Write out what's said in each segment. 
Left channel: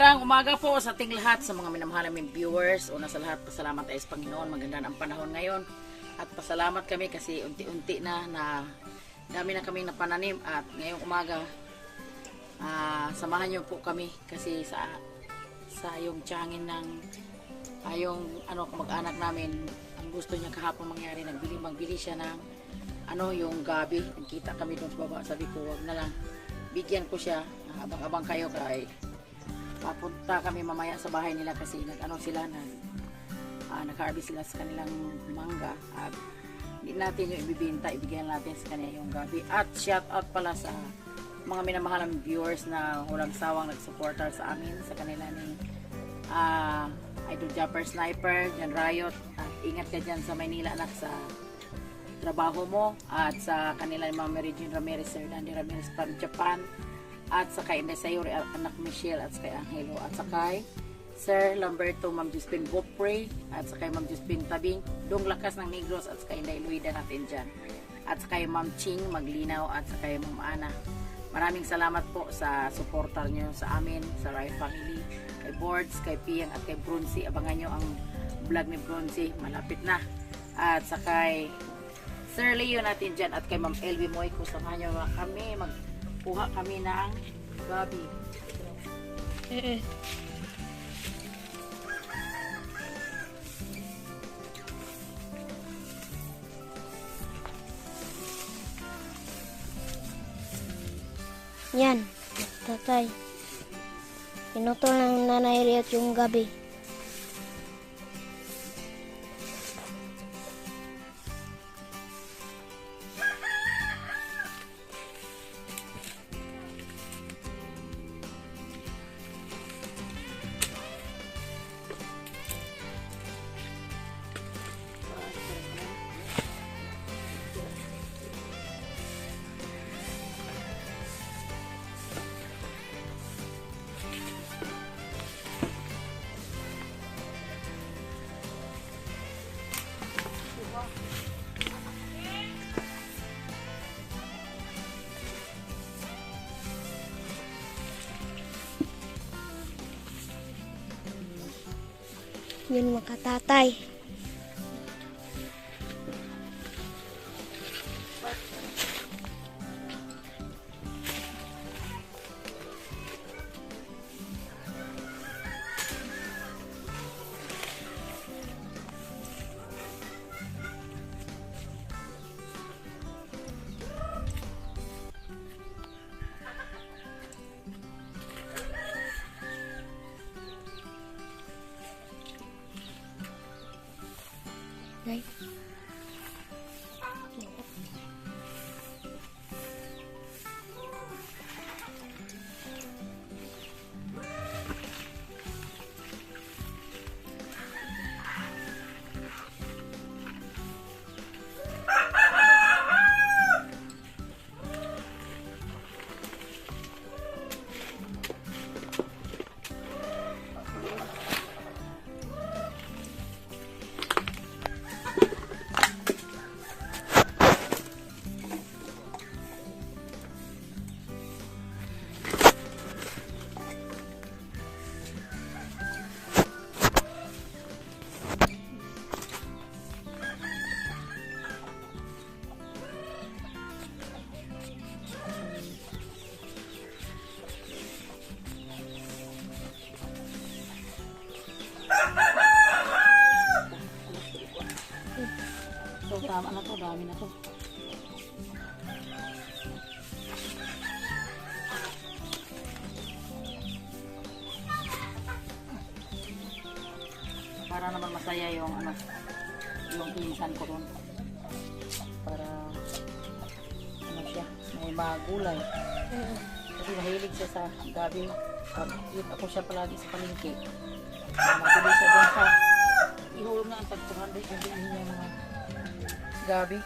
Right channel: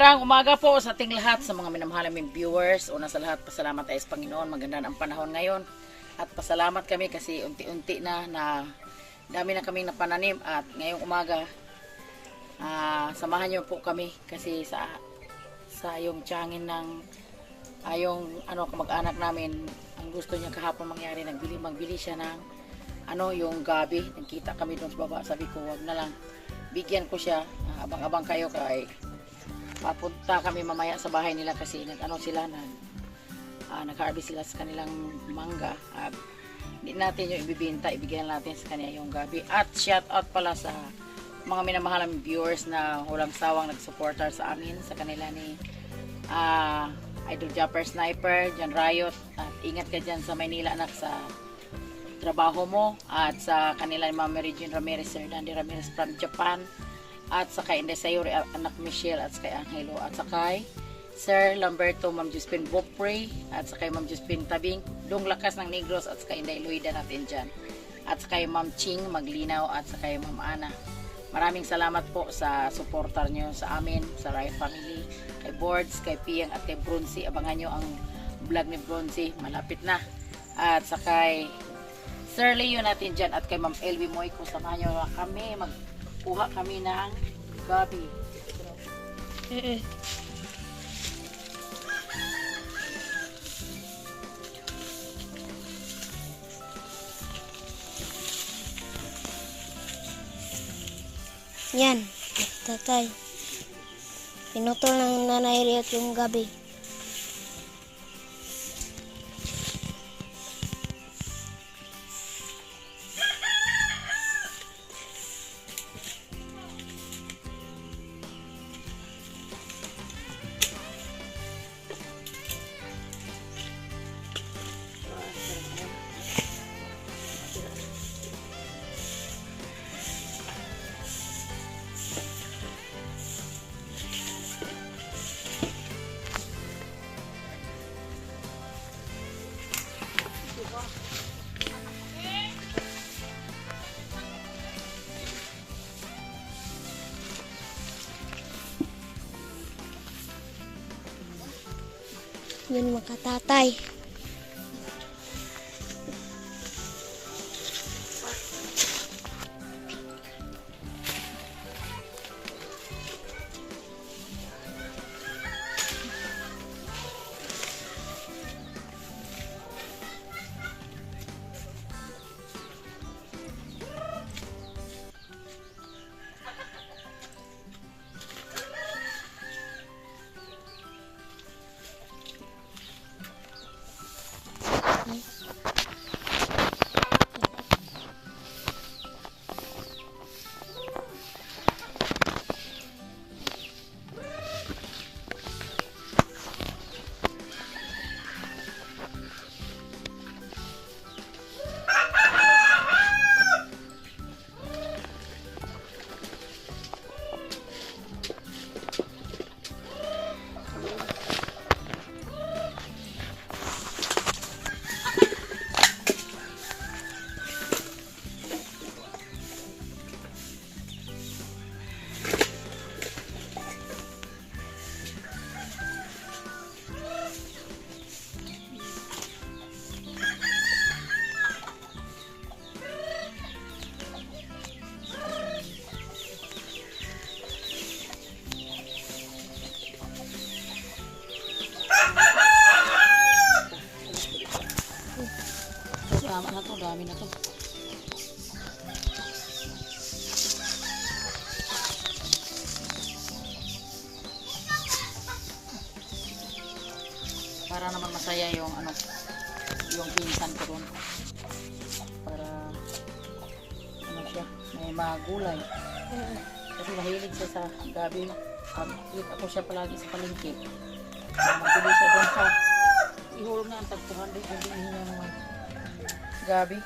Magandang umaga po sa ating lahat, sa mga minamahal naming viewers. Una sa lahat, pasalamat tayo sa Panginoon. Maganda ang panahon ngayon. At pasalamat kami kasi unti-unti na dami na kaming napananim. At ngayong umaga, samahan niyo po kami kasi sa yung tiyangin ng yung kamag-anak namin, ang gusto niya kahapon mangyari, magbili siya ng yung gabi. Nagkita kami doon sa baba. Sabi ko, wag na lang, bigyan ko siya. Abang-abang kayo kay papunta kami mamaya sa bahay nila kasi nag-harvest sila sa kanilang mangga at hindi natin yung ibibenta, ibigyan natin sa kanya yung gabi. At shout out pala sa mga minamahalang viewers na walang sawang nagsuportar sa amin, sa kanila ni Idol Japper Sniper, Jan Riot, at ingat ka dyan sa Maynila anak sa trabaho mo, at sa kanila ni Ma'am Mary Jean Ramirez, Sir Dandy Ramirez from Japan, at sa kay Inday Sayuri, anak Michelle, at sa kay Angelo, at sa kay Sir Lamberto, Ma'am Josephine Bopre, at sa kay Ma'am Josephine Tabing, Dong Lakas ng Negros, at sa kay Inday Luida natin dyan, at sa kay Ma'am Ching Maglinaw, at sa kay Ma'am Ana. Maraming salamat po sa supportar nyo sa amin, sa Riot Family, kay Boards, kay Piyang, at kay Bronzy. Abangan nyo ang vlog ni Bronzy, malapit na. At sa kay Sir Leo natin dyan, at kay Ma'am Elvie Moyko, samahan nyo kami, magkuha kami ng gabi. Yan, tatay. Pinutol ng Nanay Riot yung gabi. Yun mga tatay. Okay. Tama na to, dami na to. Para naman masaya yung yung pinsan ko doon. Para siya, may magulay. Kasi mahilig siya sa gabi. Pag kita ko siya palagi sa palengke, magbili siya doon sa ihulog na ang tag 200 yung bilhin niya mga gabi.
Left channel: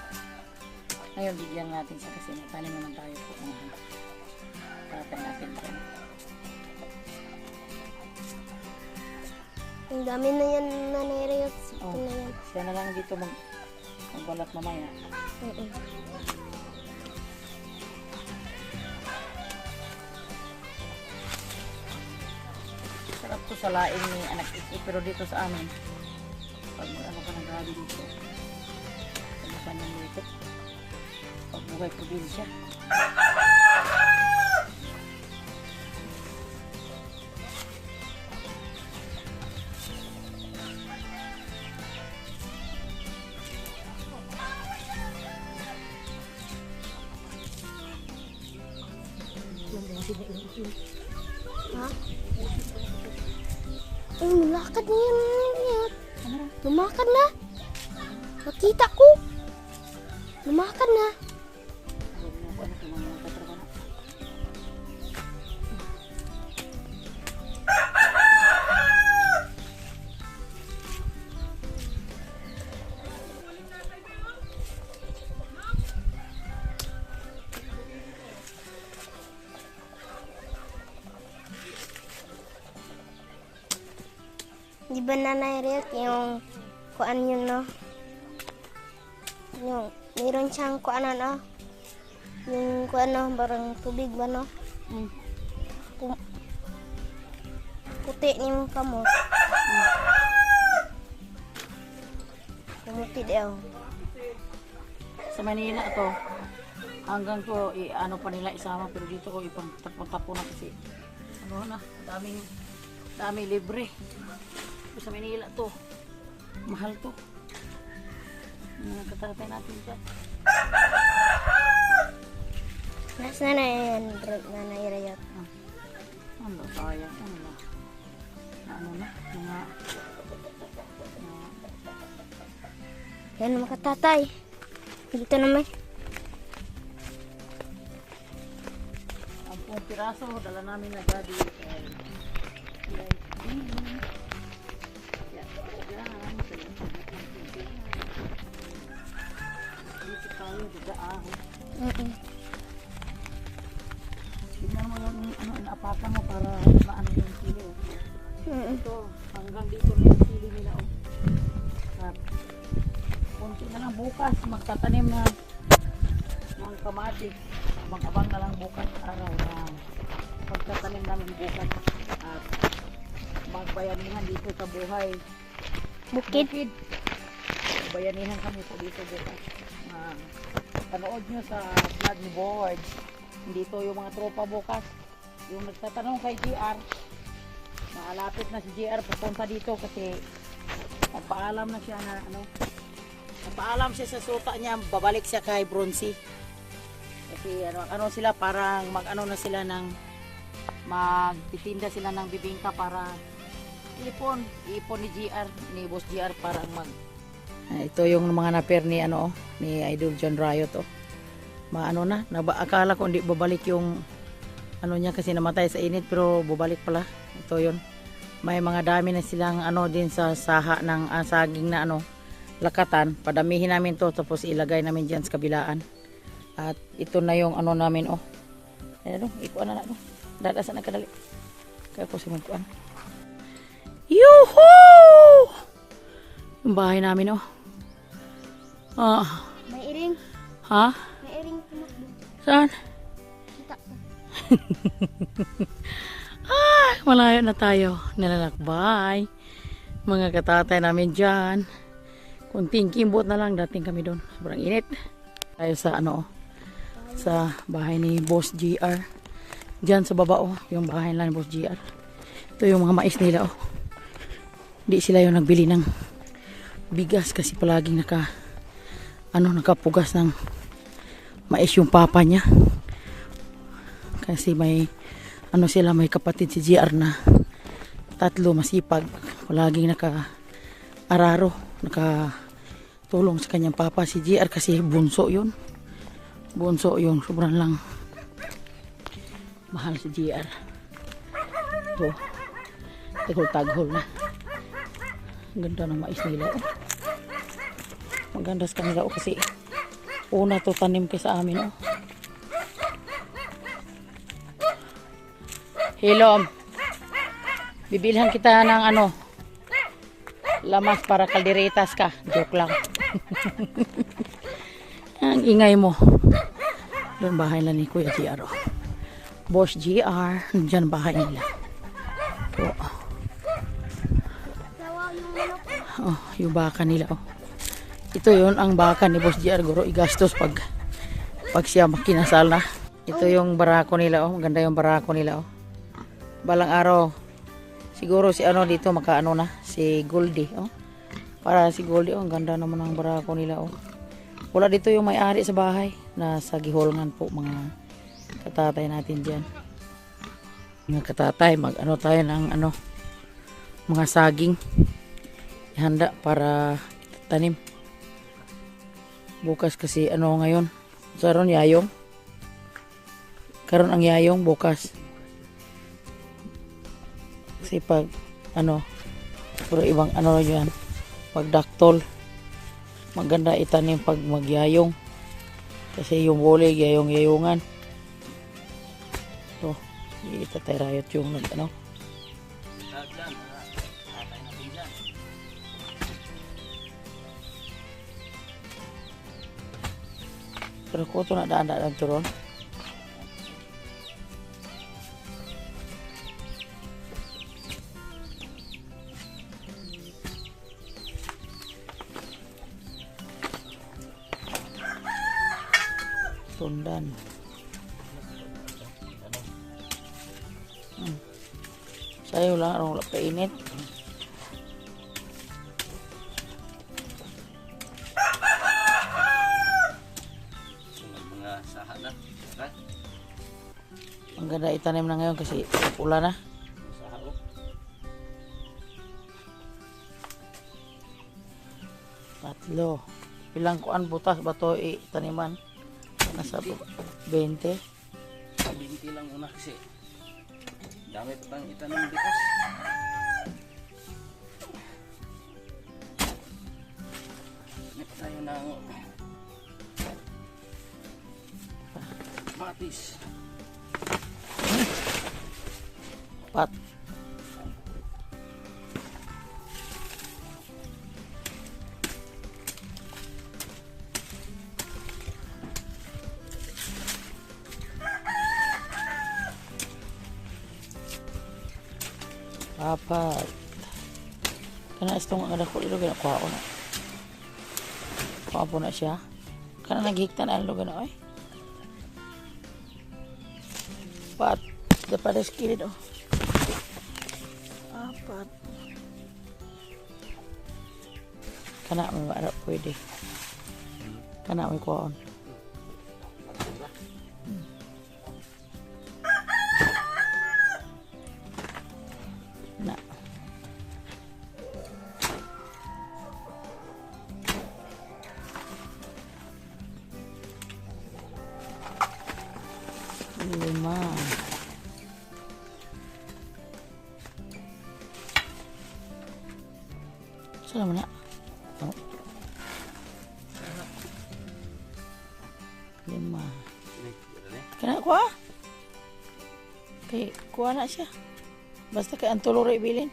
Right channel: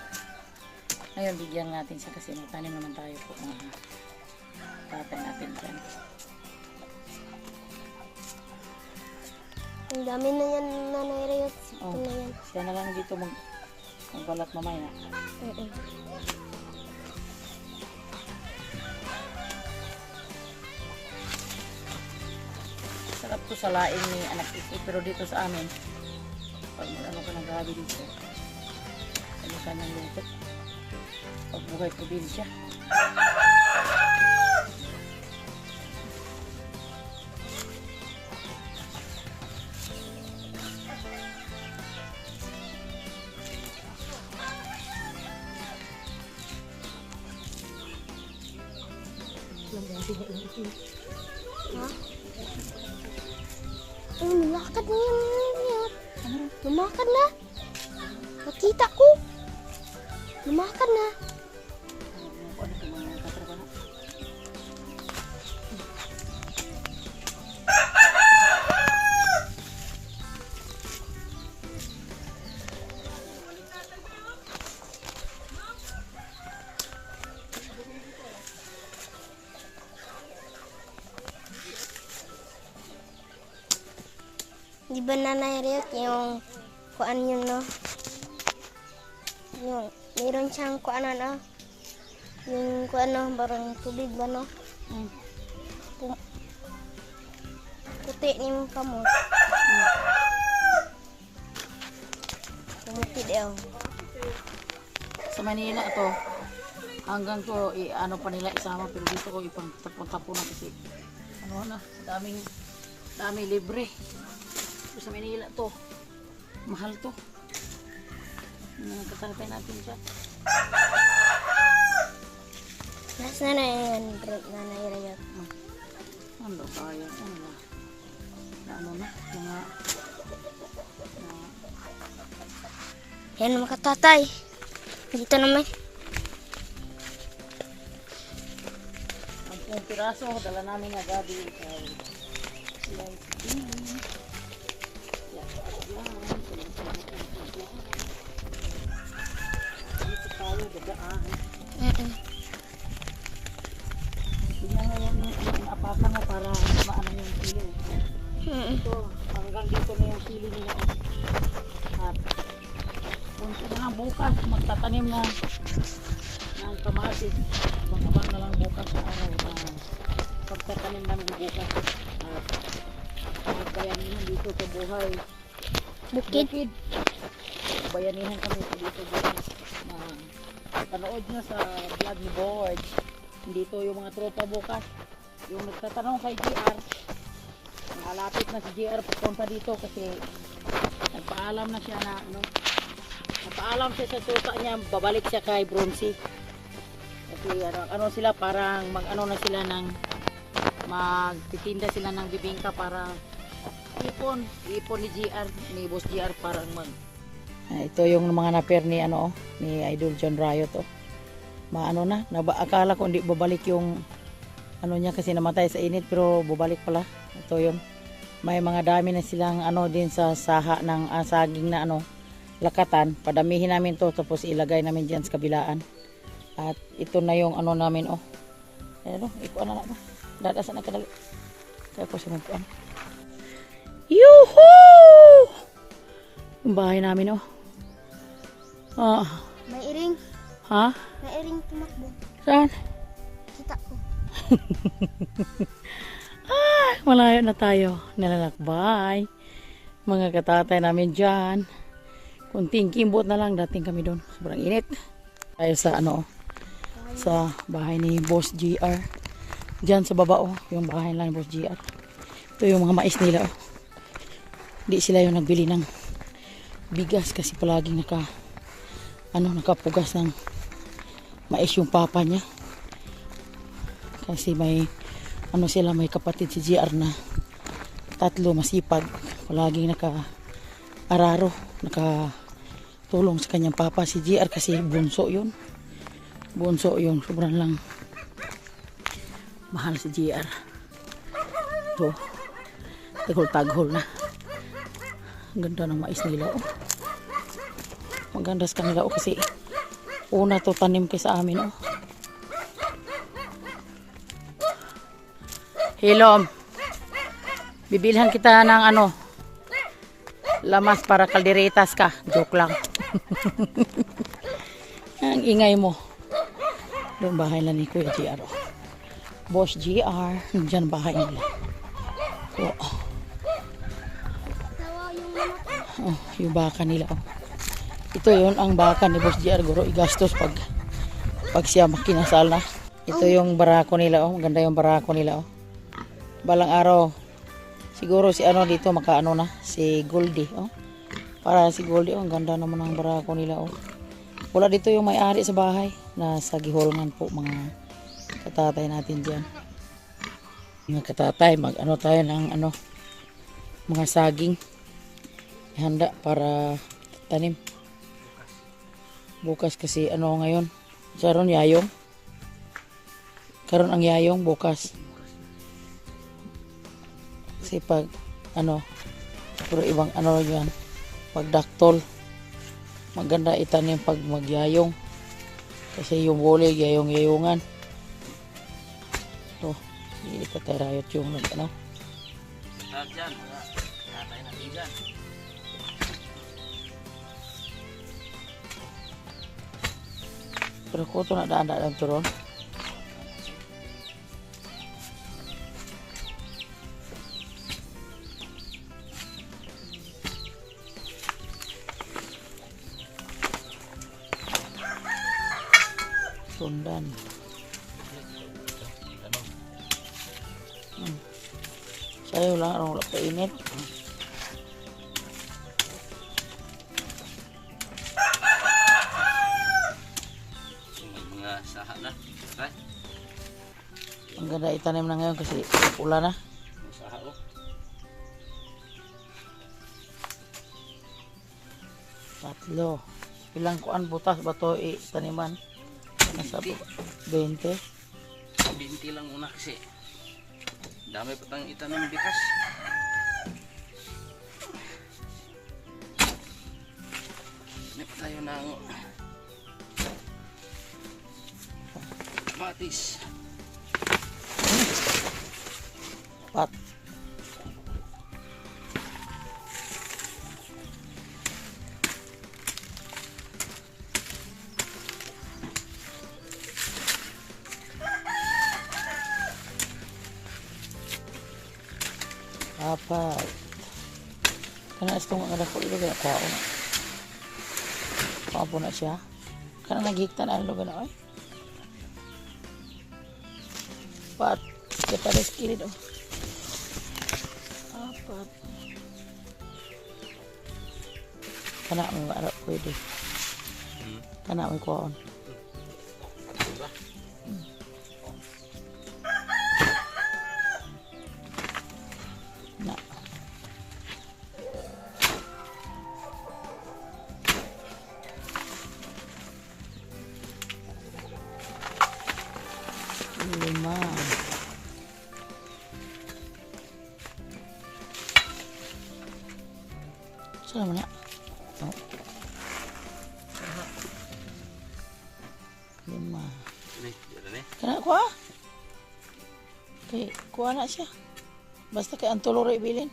Ngayon, bigyan natin sa kasi nagtanim naman tayo po mga tatay natin dyan. Ang dami na yan, Nanay Riot. Oh, na yan. siya na lang dito magbalat mamaya. sarap to sa laing ni anak Iki, pero dito sa amin, pag mag-ano ka ng gabi dito, ano ka ng luto, pag buhay probinsya. Ha? Ay, lumakad na yan. Lumakad na. Nakita ko. Lumakad na. Di ba Nanay Riot yung kuan yun, no? Yung meron siyang kuan, no? Yung kuan, no? Barang tubig ba, no? Puti yung kamot. Kumuti daw. Sa Manila to, hanggang to, ano pa nila isama, pero dito ko ipang-tapo na kasi, ano na, dami libre. Sa Manila to, mahal to. Nakatatay natin siya. Nasa na yun, Nanay Riot. Ano sayang, ano na. Ano na, mga Yan mga tatay. Dito naman. ang pong piraso, dala namin na daddy. Dito tayo, gagaan. Tignan mo yung apakan mo para maano yung kilo. Ito, hanggang dito na yung sili nila. At punti na lang bukas, magtatanim na ng kamatis. Abang-abang na lang bukas sa araw na pagtatanim namin bukas. At magbayanihan dito sa buhay. Bukid. Bayanihan kami sa dito bukas. Panood nyo sa vlog ni Board. Dito yung mga tropa bukas. Yung nagtatanong kay GR. Malapit na si GR papunta dito kasi nagpaalam na siya na ano. Nagpaalam siya sa suka niya, babalik siya kay Bronzy. Kasi ano sila, parang mag-ano na sila ng magtitinda sila ng bibingka para ipon ni GR, ni Boss GR parang ito yung mga naper ni ano ni Idol John Riot maano na, akala ko hindi babalik yung ano niya kasi namatay sa init pero babalik pala. Ito yun. May mga dami na silang ano din sa saha ng saging na ano lakatan. Padamihin namin to tapos ilagay namin diyan sa kabilaan. At ito na yung ano namin Ayun, ikuan na na. Dadasan na kadali. Kaya ko simukuan. Yuhuu! Yung bahay namin May iring. Ha? May iring tumakbo. Saan? Kita ko. Malayo na tayo. Nilalakbay. Mga katatay namin dyan. Kunting kimbot na lang. Dating kami doon. Sobrang init. Tayo sa sa bahay ni Boss GR. Dyan sa baba yung bahay lang ni Boss GR. Ito yung mga mais nila Hindi sila yung nagbili ng bigas kasi palaging nakapugas ng mais yung papa niya. Kasi may may kapatid si GR na 3 masipag. Palaging naka-araro, nakatulong sa kanyang papa si GR kasi bunso yun. Sobrang lang mahal si GR. Ito, taghol na. Ang ganda ng mais nila Maganda sa kanila kasi una to tanim kay sa amin Hilom, bibilhan kita ng lamas para kalderetas ka. Joke lang. Ang ingay mo. Doon bahay lang ni Kuya GR Boss GR, nandiyan bahay nila. Oh, yung baka nila. Oh. Ito yon ang baka ni Boss JR. Guro igastos pag siya makinasal na. Ito yung barako nila. Oh. Maganda yung barako nila. Oh. Balang araw, siguro si ano dito makaano na. Si Goldie. Oh. Para si Goldie. Oh. Ang ganda naman ng barako nila. Oh. Wala dito yung may-ari sa bahay. Nasa Giholngan po mga katatay natin dyan. Mga katatay, mag-ano tayo ng ano, mga saging. Ihanda para tanim. Bukas kasi ano ngayon. Karon yayong. Karon ang yayong bukas. Kasi pag ano, pero ibang ano yan. Pag daktol. Maganda itanim pag magyayong. Kasi yung bole, yayong-yayungan. Ito, itatay-rayot yung ano. Pero ko ito na daan-daan turon. Sundan. Sayo lang, wala painit. Mga saha na. Okay? Ang ganda itanim na ngayon kasi pula na. Saha o. Tatlo. Ilang kuan butas ba to itaniman? Nasa 20. 20 lang una kasi. Dami pa tayong itanim bikas. Hanap tayo ng batis. Pat. Apat. Kana itong anak ko ilo gana kuha ko na. Kuha po na siya. Kana naghiktan ang ilo gana ay. Pat. Siya pa rin skilid oh. Apat. Kana may maara pwede. Kana may kuha on. Na. Lima. Saan naman na? Oh. Lima. Kena kuha? Okay, kuha na siya. Basta kay ang tuloro ibilin.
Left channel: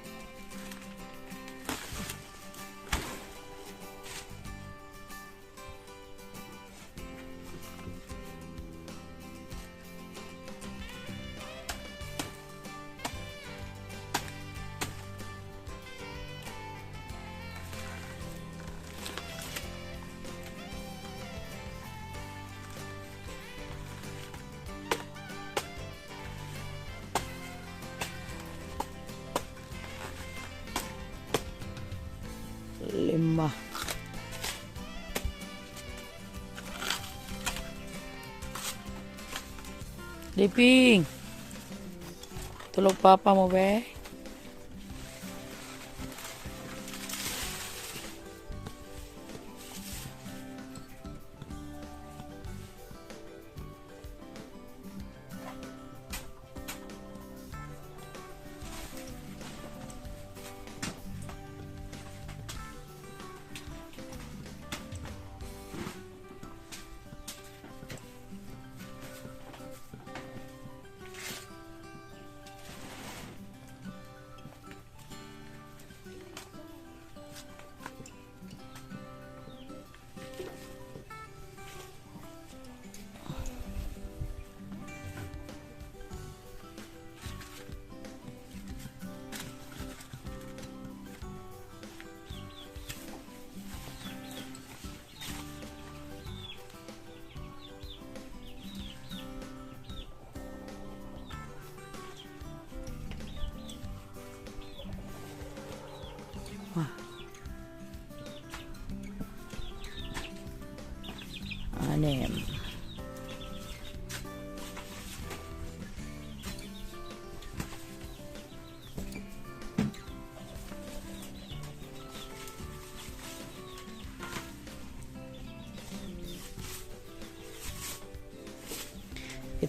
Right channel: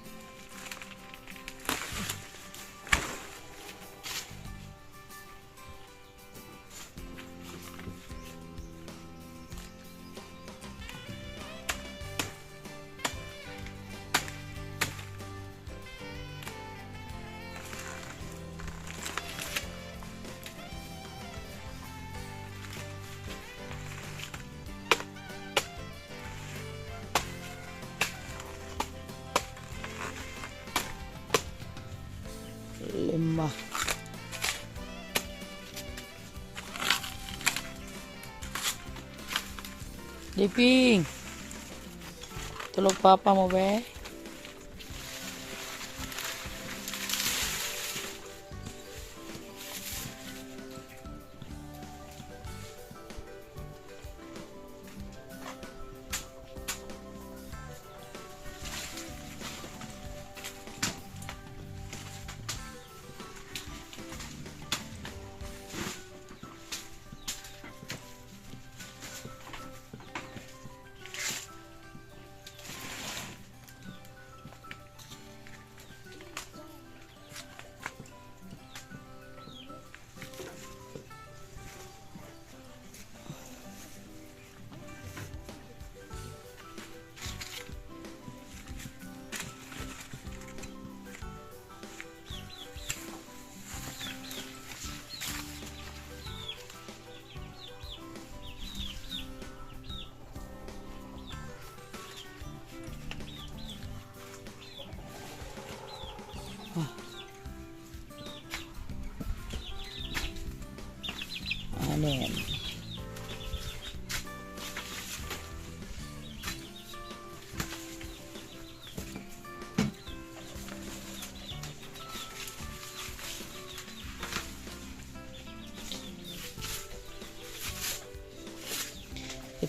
Lima. Liping. Tulog papa mo be.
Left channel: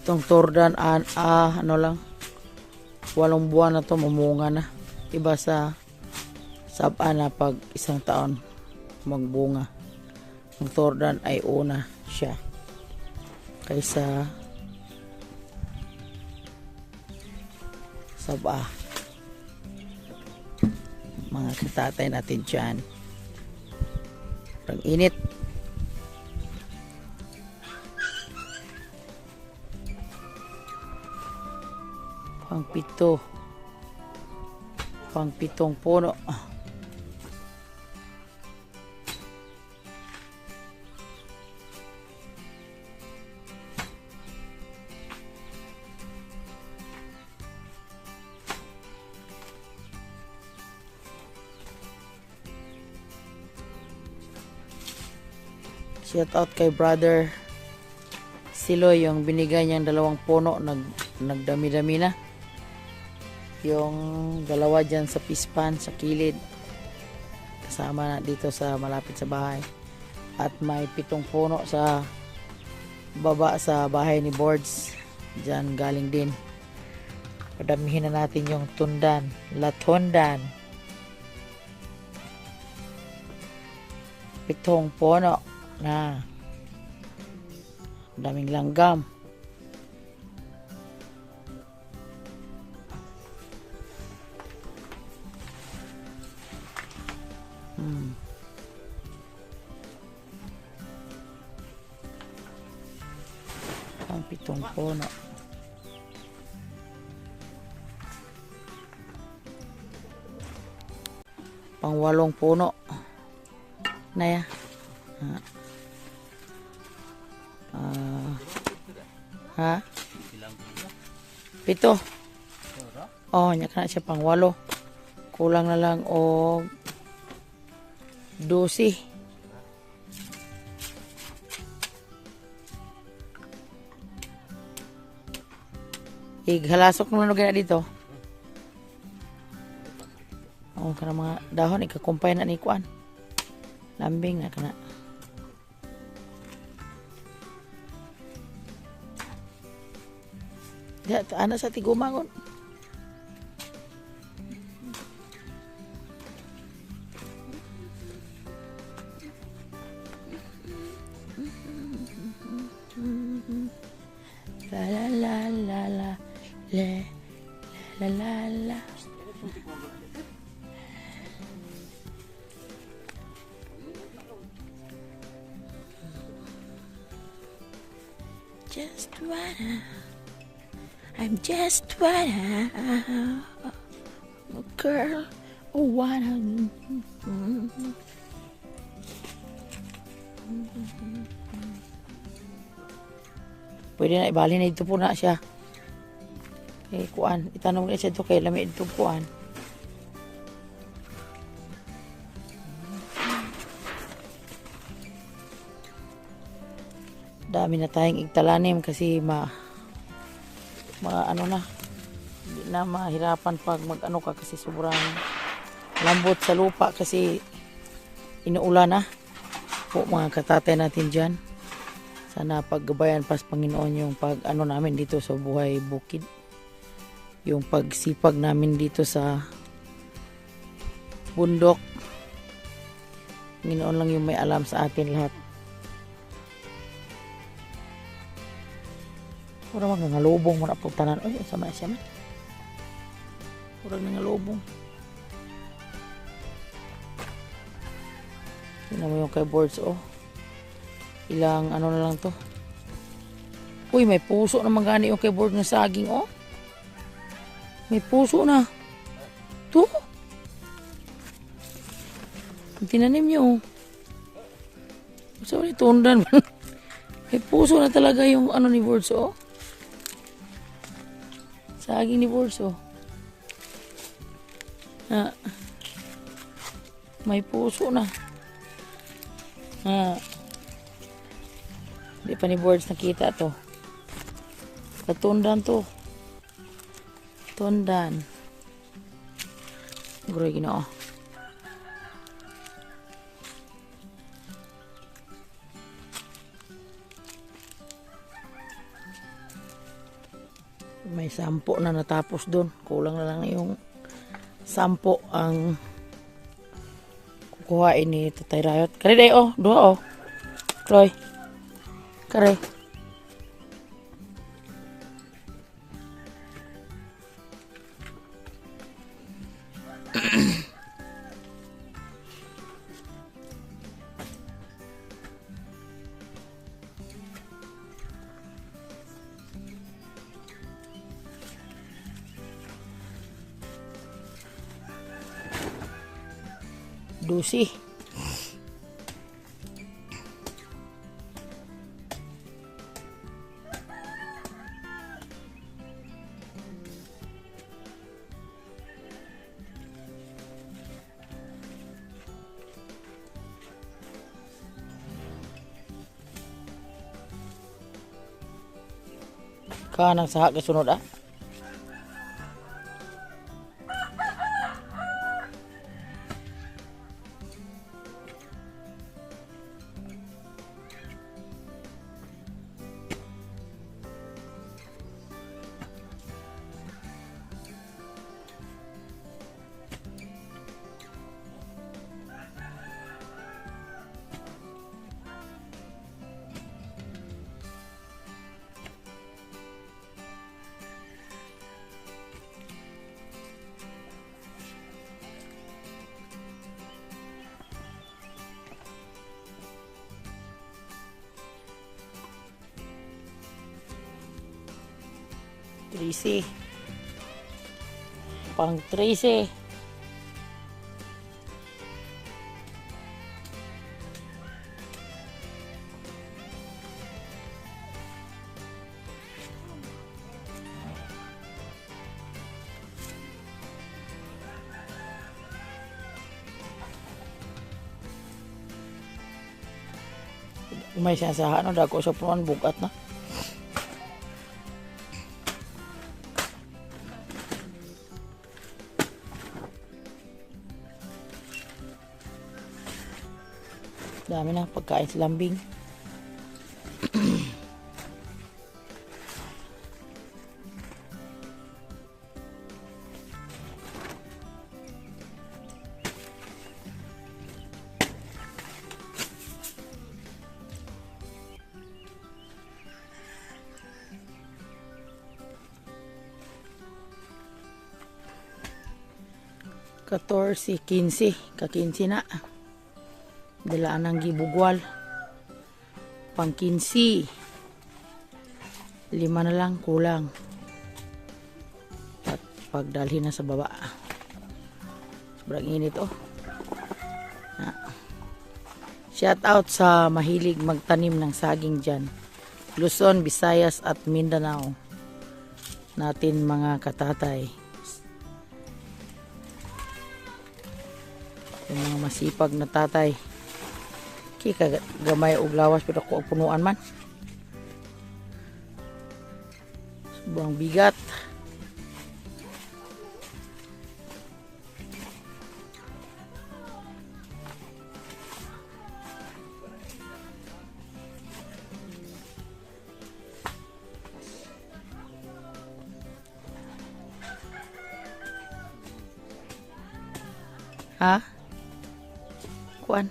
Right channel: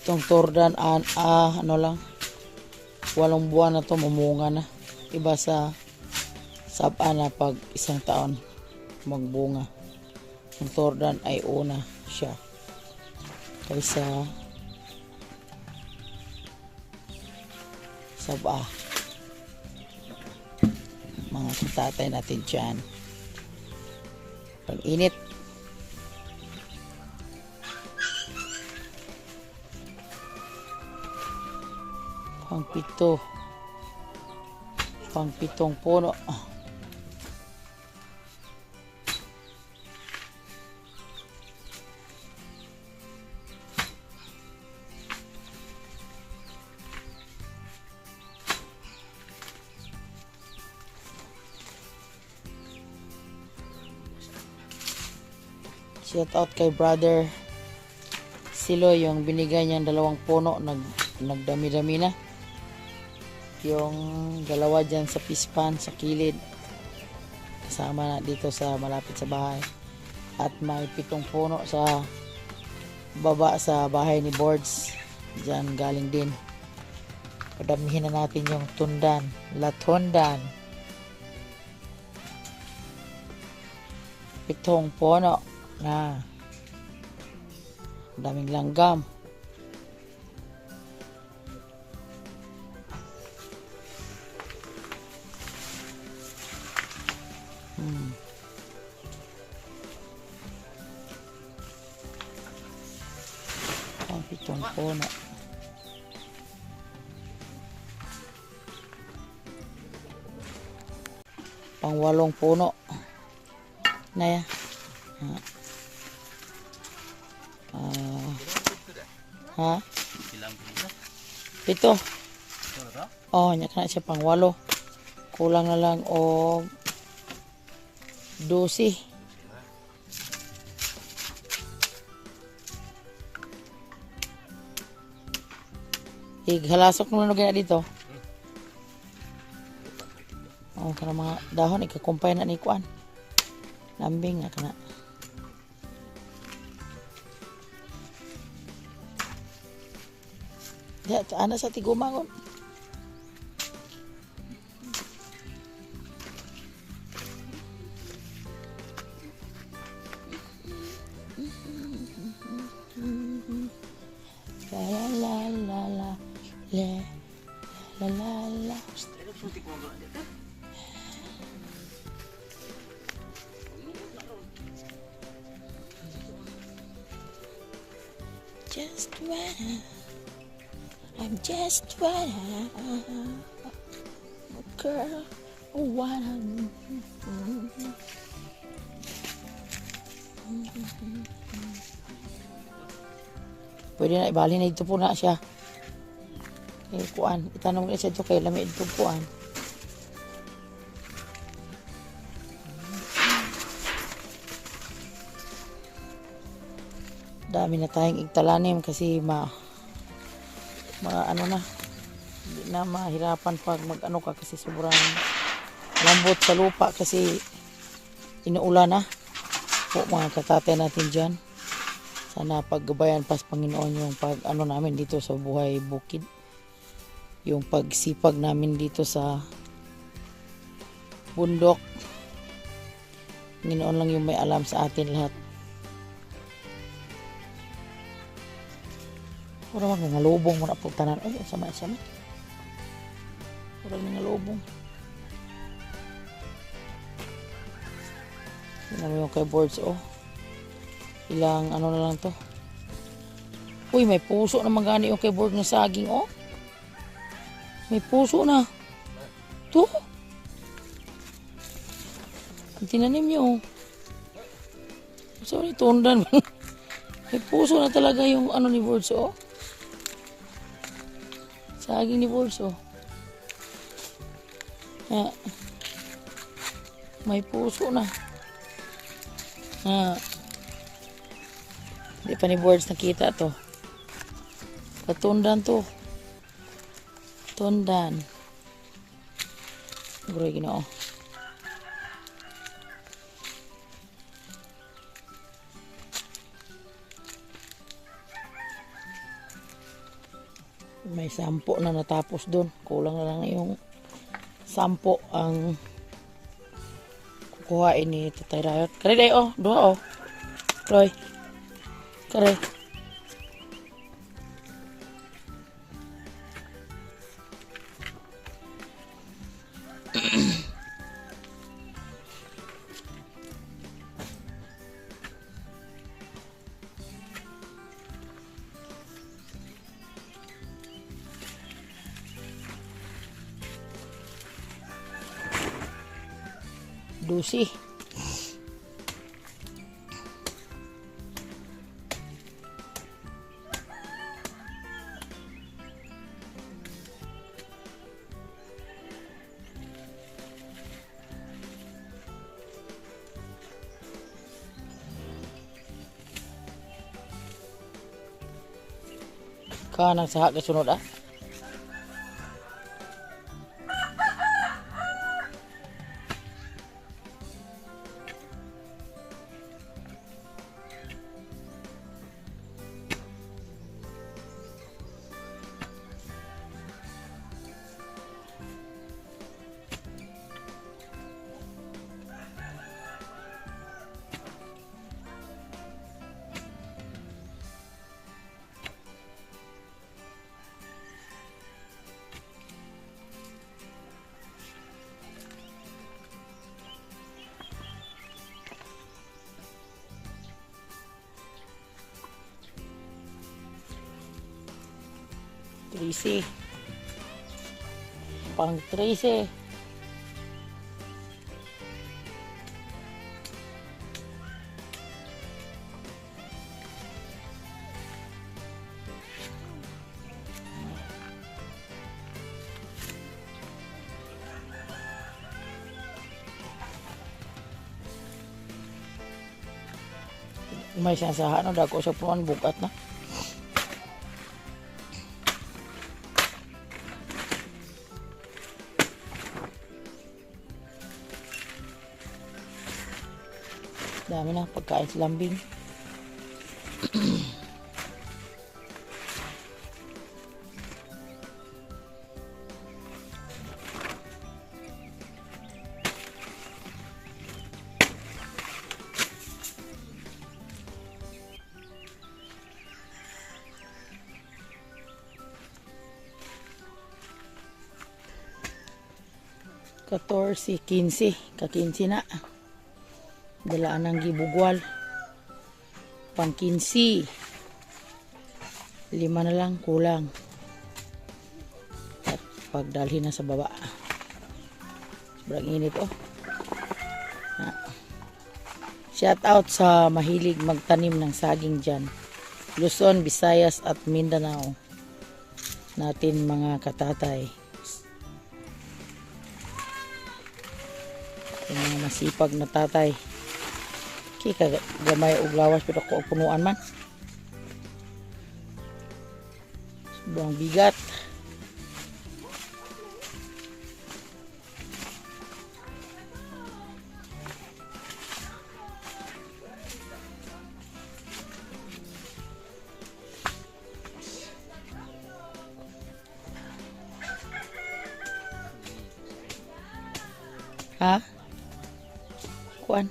Itong tordan, ano lang, 8 buwan na to, mamunga na. Iba sa saba na pag 1 taon magbunga. Ang tordan ay una siya kaysa saba. Mga katatay natin dyan. Pag init. Pang-pitong puno. Shout out kay brother Silo, yung binigay niyang 2 puno, nagdami-dami na. Yung 2 dyan sa pispan, sa kilid. Kasama na dito sa malapit sa bahay. At may 7 puno sa baba sa bahay ni Boards. Dyan galing din. Padamihin na natin yung tundan. Latundan. 7 puno na daming langgam. Ang 7 puno. Pang 8 puno na ya. Ha? Ilang pila? 7. Sura? Oh, nya kana siya pang 8. Kulang na lang og 12. Ighalasok mo na gaya dito. Oh, kana mga dahon ikakumpay na ni kuan. Lambing na kana. Ya, ana sa tigumangon. La la la la la la la la la. Just I'm just wanna a girl who wanna pwede na ibali na ito po na siya kay kuan, itanong na siya ito kay lami ito kuan. Dami na tayong igtalanim kasi ano na, hindi na mahirapan pag mag-ano ka kasi sobrang lambot sa lupa kasi inuulan na po mga katatay natin dyan. Sana paggabayan pa sa Panginoon yung pag ano namin dito sa buhay bukid, yung pagsipag namin dito sa bundok. Panginoon lang yung may alam sa atin lahat. Ura mga ngalubong mo na pagtanan. Ay, sama siya na. Ura mga ngalubong. Tingnan mo yung kay Boards, oh. Ilang ano na lang to. Uy, may puso na magani yung kay Boards na saging, oh. May puso na. To. Tinanim niyo, oh. Sorry, tundan. May puso na talaga yung ano ni Boards, oh. Saging ni Boards, oh. May puso na. Hindi pa ni Boards nakita to. Katundan to. Tundan. Bro, ginoo. May 10 na natapos dun. Kulang na lang yung 10 ang kukuhain ni Tatay Rayot. Kare day oh, 2 oh. Roy. Kare. Dusi. Kanang saha kasunod ah. Tracy. Pang Tracy. May sinasahan na dako sa puan bukat na. Dami na pagkain sa lambing. Katorsi, 15, ka-15 na. Dalaan ng gibugwal. Pang 15. 5 na lang kulang. At pagdalhin na sa baba. Sobrang init oh. Shout out sa mahilig magtanim ng saging dyan. Luzon, Visayas at Mindanao. Natin mga katatay. Yung mga masipag na tatay. Kaya gamay og lawas pero ako punuan man. Sobrang bigat. Ha? Kuan?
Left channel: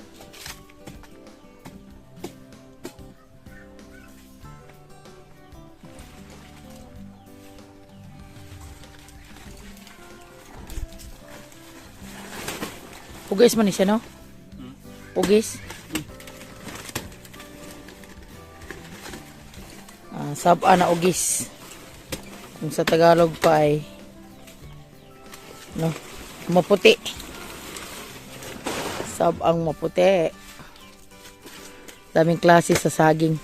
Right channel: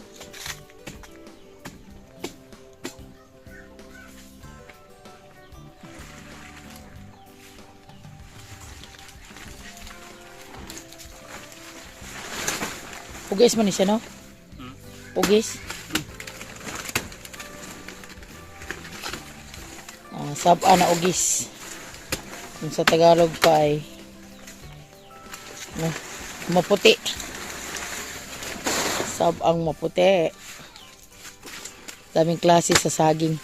Ugis man ni siya, no? Ugis. Sab-a na ugis. Kung sa Tagalog pa ay no, maputi. Sab-ang maputi. Daming klase sa saging.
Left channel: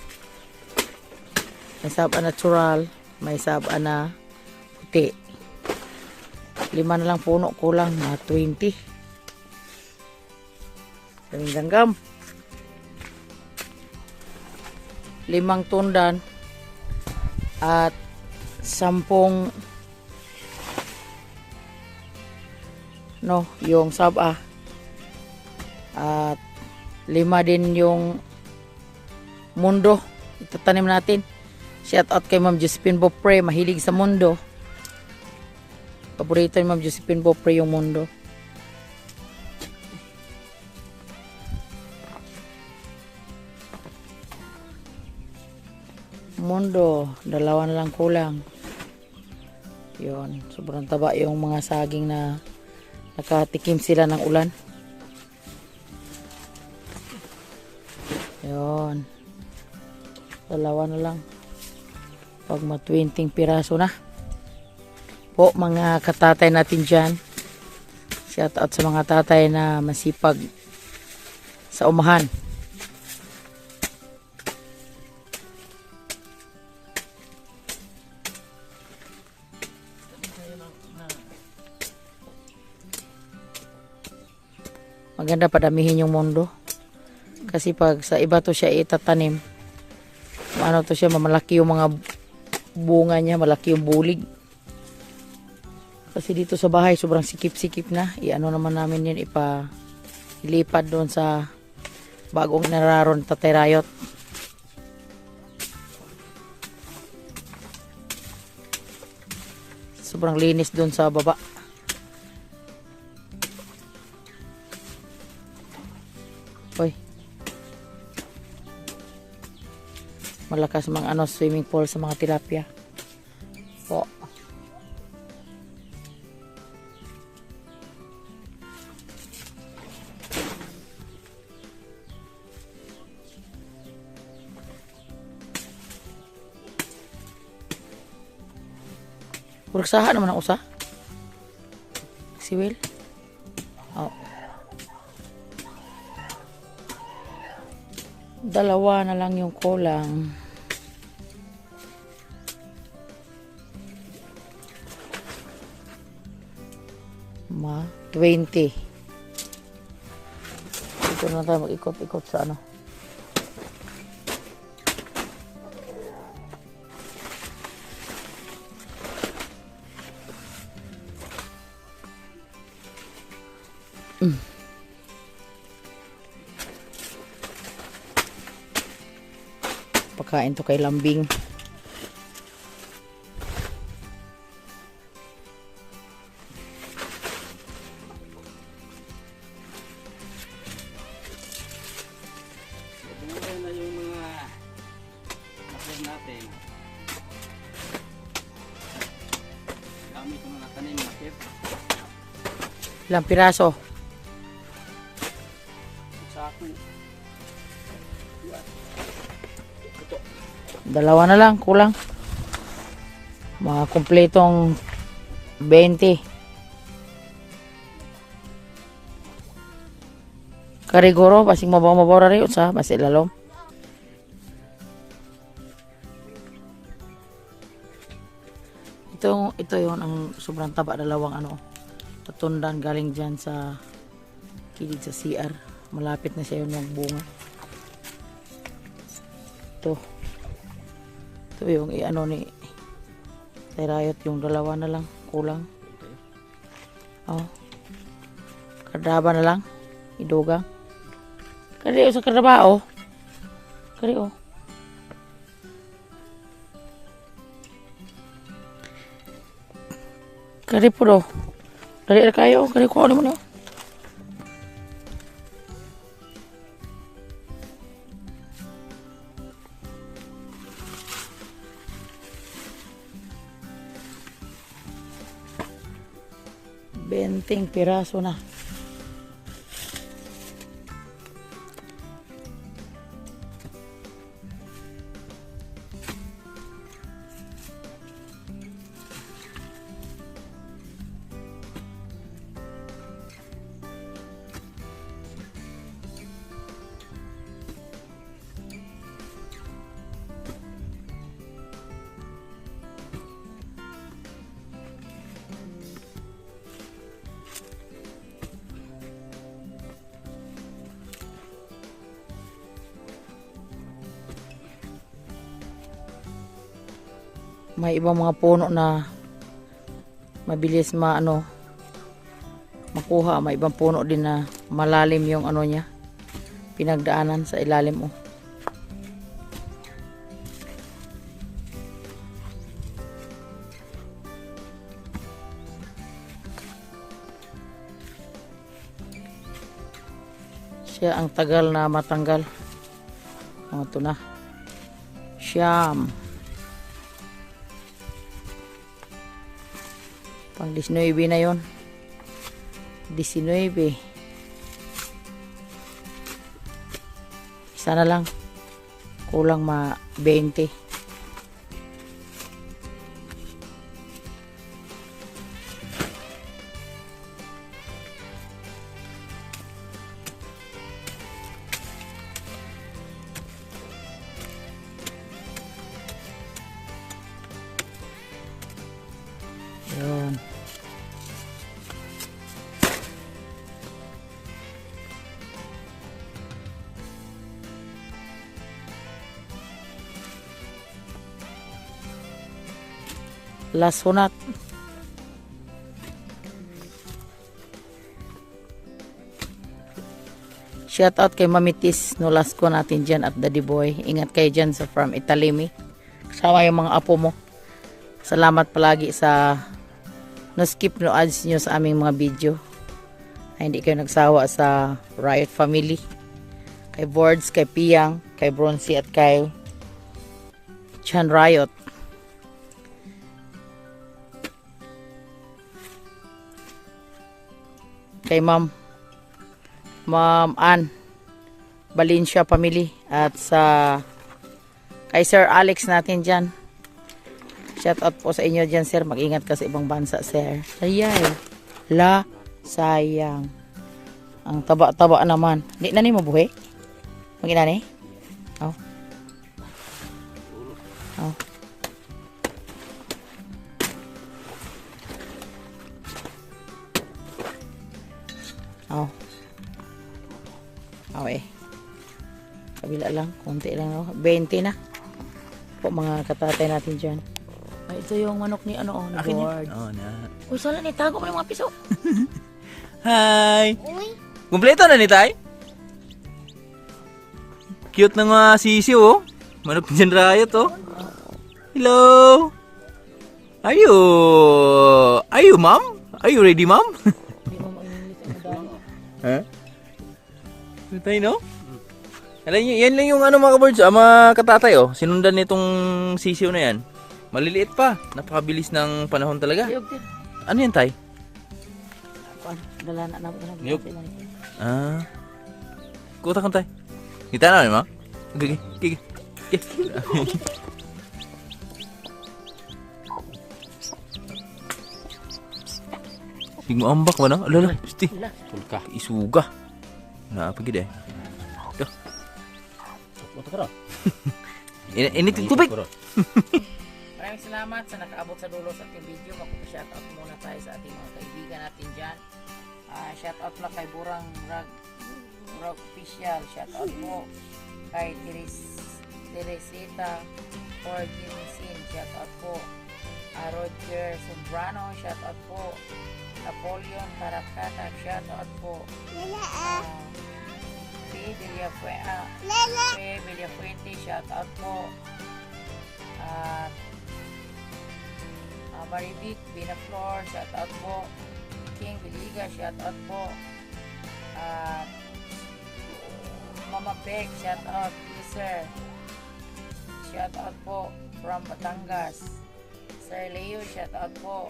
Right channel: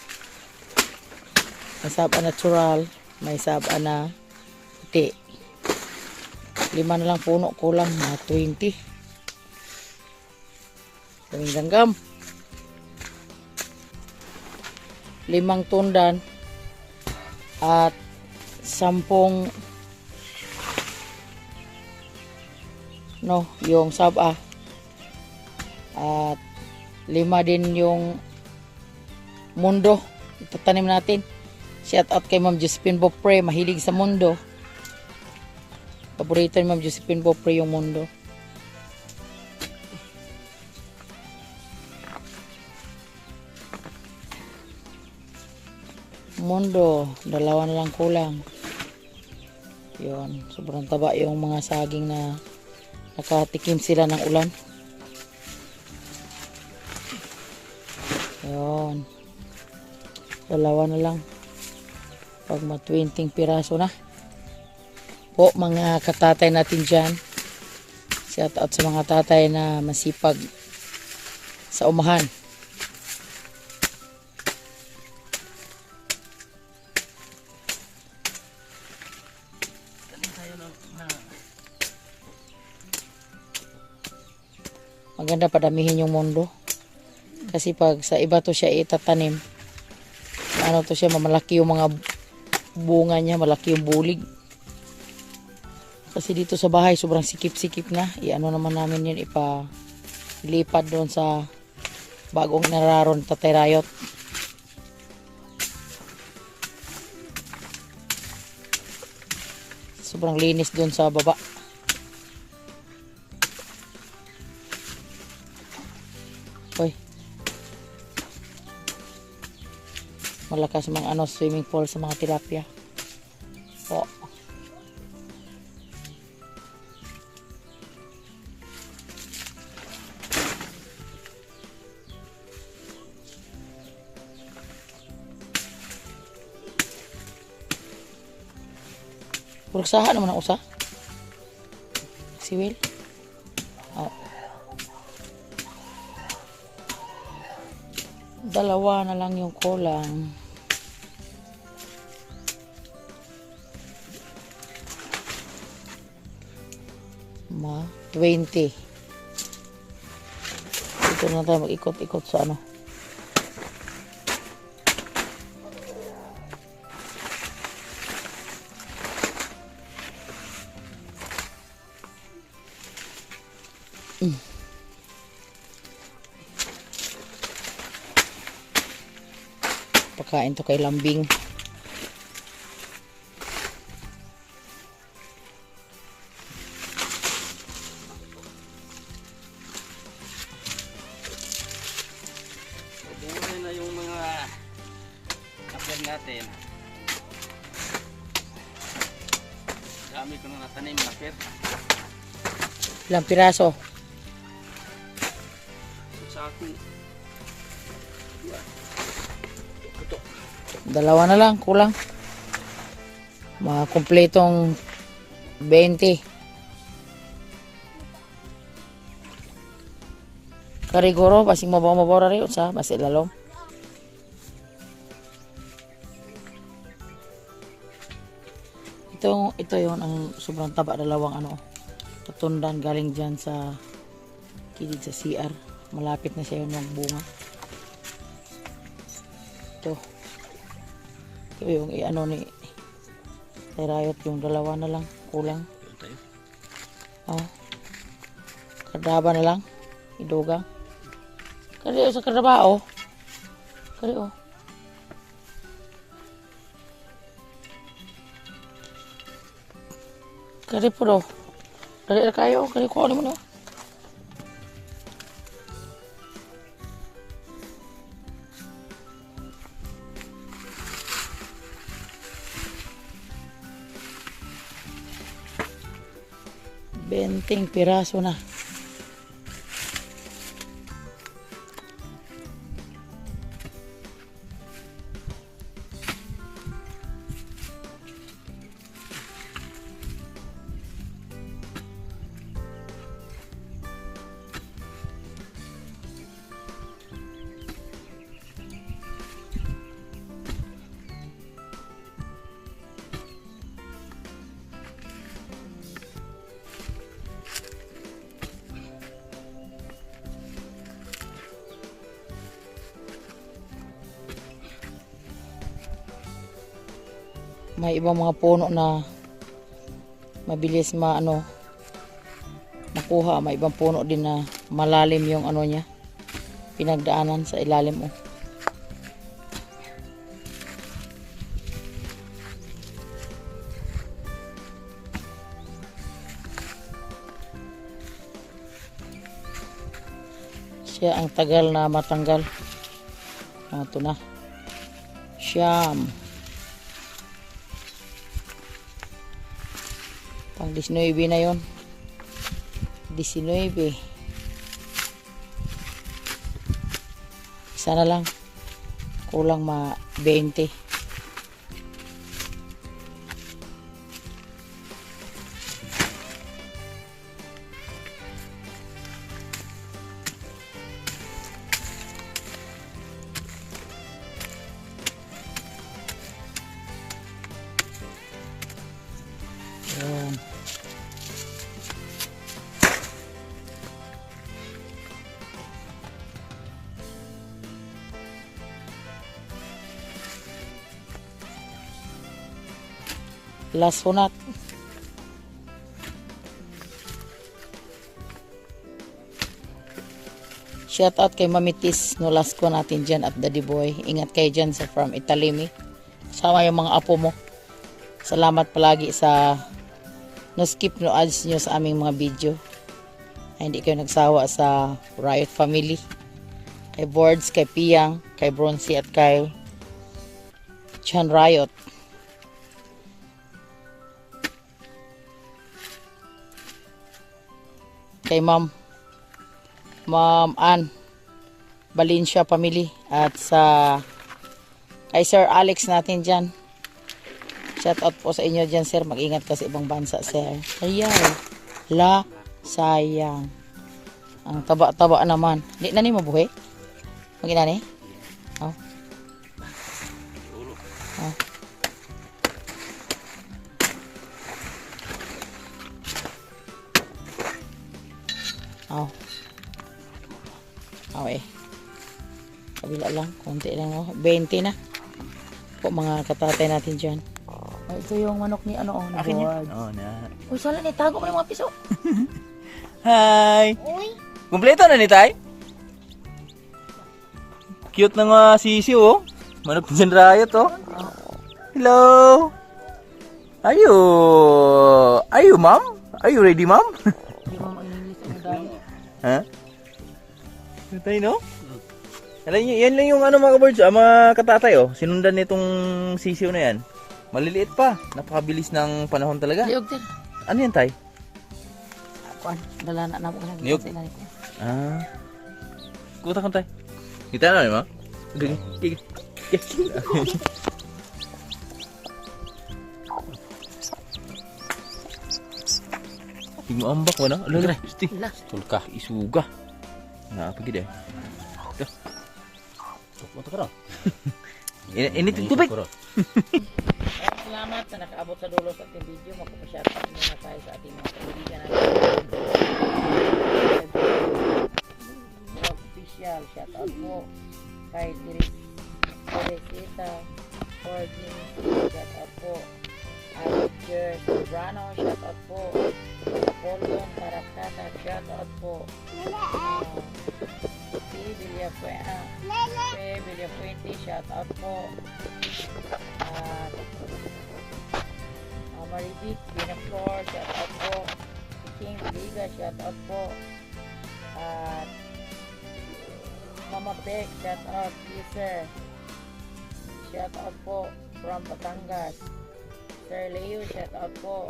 May sab-a natural, may sab-a na puti. 5 na lang puno, kulang na 20. Daming langgam. 5 tundan at 10 no, yung saba at 5 din yung mundo itatanim natin. Shout out kay Ma'am Josephine Bopre, mahilig sa mundo. Paborito ni Ma'am Josephine Bopre yung mundo. Mundo, dalawa na lang kulang. Yun, sobrang taba yung mga saging na nakatikim sila ng ulan. Yun. Dalawa na lang. Pag ma-20 piraso na. Po mga katatay natin dyan. Shout out sa mga tatay na masipag sa umahan. Maganda padamihin yung mundo. Kasi pag sa iba to siya itatanim, ano to siya, malaki yung mga bunga niya, malaki yung bulig. Kasi dito sa bahay, sobrang sikip-sikip na. Iano naman namin yun, ipalipad doon sa bagong nararon Tatay Rayot. Sobrang linis doon sa baba. Hoy. Malakas mga swimming pool sa mga tilapia. Po. Kursahan naman ang usa. Si Will. Oh. Dalawa na lang yung kulang. Ma, 20. Dito na tayo mag-ikot-ikot sa ano. Pakain to kay Lambing. Buhay na yung mga nakyan natin. Dami ko na natanim nakit. Ilang piraso? Sako. Dalawa na lang, kulang. Mga kumpletong 20. Kariguro, pasing mabaw-mabaw rin sa basi lalom. Ito yon ang sobrang taba, dalawang patundan galing dyan sa kilid sa CR. Malapit na siya yung magbunga. Ito yung ni Tatay Rayot, yung dalawa na lang kulang. Oh. Kardaba na lang. Idugang. Kari sa kardaba oh. Kari oh. Kari po do. Dari kayo, kari ko ano mo. 20 piraso na. May ibang mga puno na mabilis makuha. May ibang puno din na malalim yung niya, pinagdaanan sa ilalim oh. Siya ang tagal na matanggal. Ito na. Siyam. Pang 19 na yon. 19. Isa na lang. Kulang 20. Ayan. Last hunat. Shout out kay Mamitis no last ko natin dyan at Daddy Boy. Ingat kayo dyan sa from Italimi. Kasama yung mga apo mo. Salamat palagi sa no skip no ads nyo sa aming mga video. Ay, hindi kayo nagsawa sa Riot Family. Kay Boards, kay Piyang, kay Bronzy at kay Chan Riot. Kay Ma'am Ann Valencia Family at sa kay Sir Alex natin dyan. Shout out po sa inyo dyan, sir. Mag-ingat ka sa ibang bansa, sir. Ayay. Sayang. Ang taba-taba naman. Hindi na ni mabuhay? Mag-ina ni? Oh. Oh. Oh. Okay. Kabila lang. Konti lang. Oh. 20 na. Po mga katatay natin dyan. Ay, ito yung manok ni ano, ni Board. Oh, na. Uy, sala ni, tago mo ng mga piso. Hi! Kumpleto na ni Tay? Cute na nga sisi oh. Manok Chan Riot oh. Hello! Are you ma'am? Are you ready ma'am? Hindi mo mag-inis ang dami. Ha? Ito yun no? Alam niyo, yan lang yung ano mga kabards, mga katatay oh. Sinundan nitong sisiw na yan. Maliliit pa. Napakabilis ng panahon talaga. Ayog din. Ano yan Tay? Dala na po. Niyog. Ah. Kuta kan Tay. Kita na ma? Sige. Sige. Tingmo ambak ba na? Alala. Sti. Tulka. Isuga. Na apa gede? Dah. Kuta kara. Ini tubig. Maraming salamat sa nakaabot sa dulo sa ating video. Magpapashoutout muna tayo sa ating mga kaibigan natin. Official, shoutout po kay Teresita Forgings, shoutout po Roger Sobrano, shoutout po Napoleon Caracata, shoutout po Villafuente, shoutout po at Maribit Binaflor, shoutout po King Liga, shoutout po Mama Beck, shoutout user, shoutout po from Batangas, Sir Leo, shoutout po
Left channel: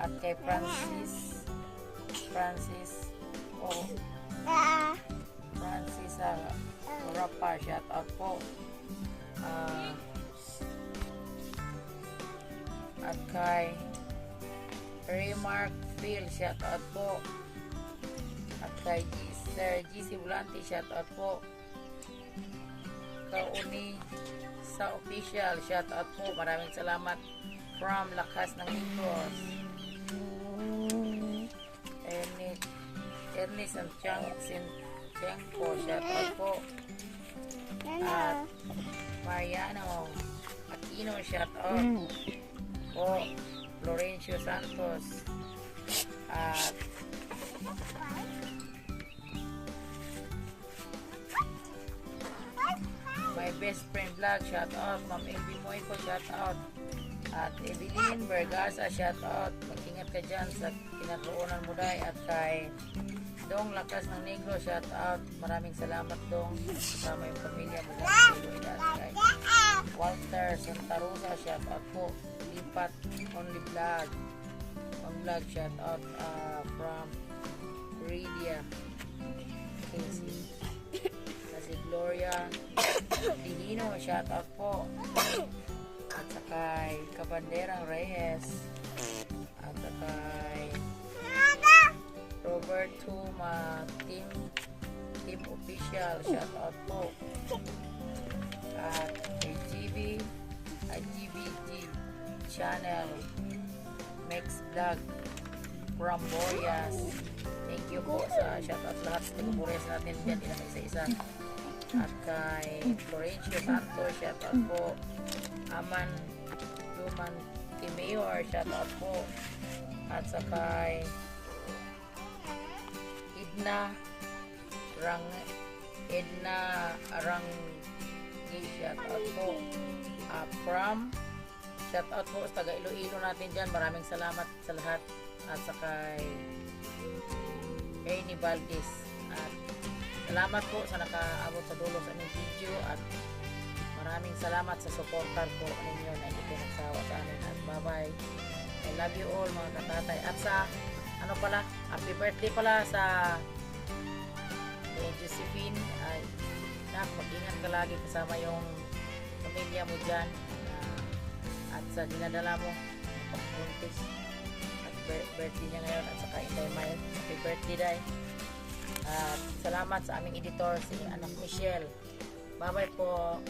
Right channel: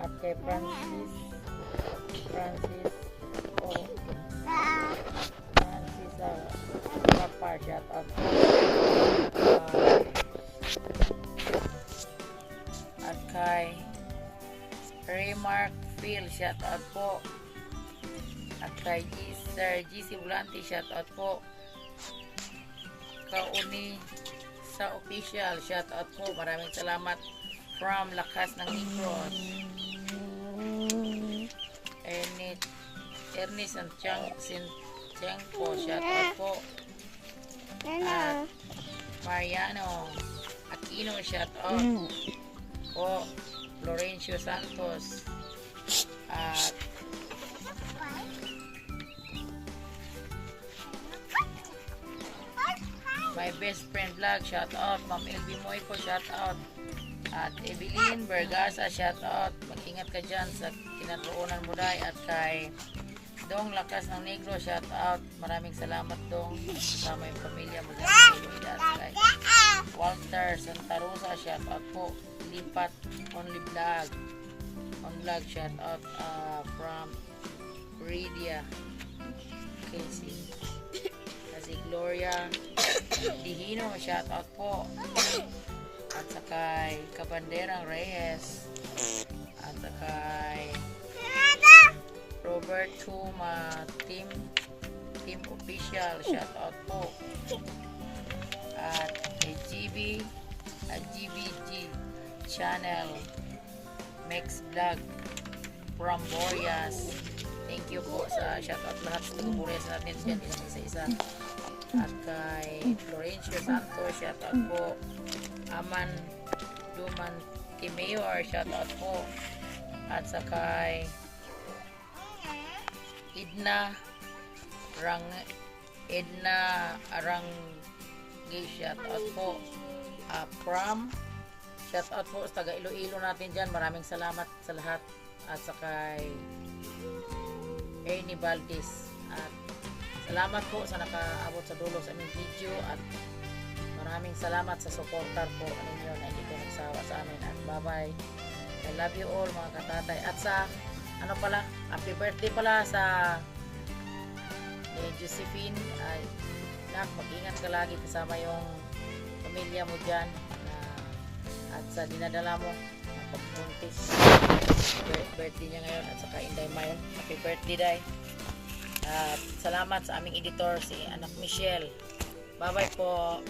at kay Francis Rapar, shoutout po at kay Raymark Phil, shoutout po at kay Sir GC Volante, shoutout po Kauni sa official, shoutout po. Maraming salamat from Lakas ng Negros. Ernest and Chang po, shoutout po at Mariano Aquino, shoutout po Florencio Santos at My Best Friend Vlog, shoutout Ma'am LB Moico, shoutout at Evelyn Bergasa, shoutout. Mag-ingat ka dyan sa kinaroonan mo day at kay Dong Lakas ng Negro, shout out. Maraming salamat Dong. Kasama yung pamilya mo dyan sa Iloilo Sky. Walter Santa Rosa, shout out po. Lipat Only Vlog. On vlog, shout out from Ridia Casey. Kasi Gloria Dihino, shout out po. At sakay Kabanderang Reyes. At sakay Robert Tuma Team Official, shout out po. At GBG Channel Max Vlog from Boreas. Thank you po sa shout out lahat sa taga-Boreas natin dyan, isa-isa. At kay Florencio Santos, shout out po. Aman Duman Timayor, shout out po. At sa kay Edna Arang shout out po. From shout out po sa taga Iloilo natin dyan. Maraming salamat sa lahat. At sa kay Ernie Valdez. At salamat po sa nakaabot sa dulo sa aming video. At maraming salamat sa supporter po ninyo na hindi ko nagsawa sa amin. At bye-bye. I love you all mga katatay. At sa happy birthday pala sa Josephine. Ay, mag-ingat ka lagi kasama yung pamilya mo dyan. At sa dinadala mo pagbuntis. Birthday niya ngayon. At saka Inday Mile. Happy birthday, Day. At salamat sa aming editor, si Anak Michelle. Bye-bye po.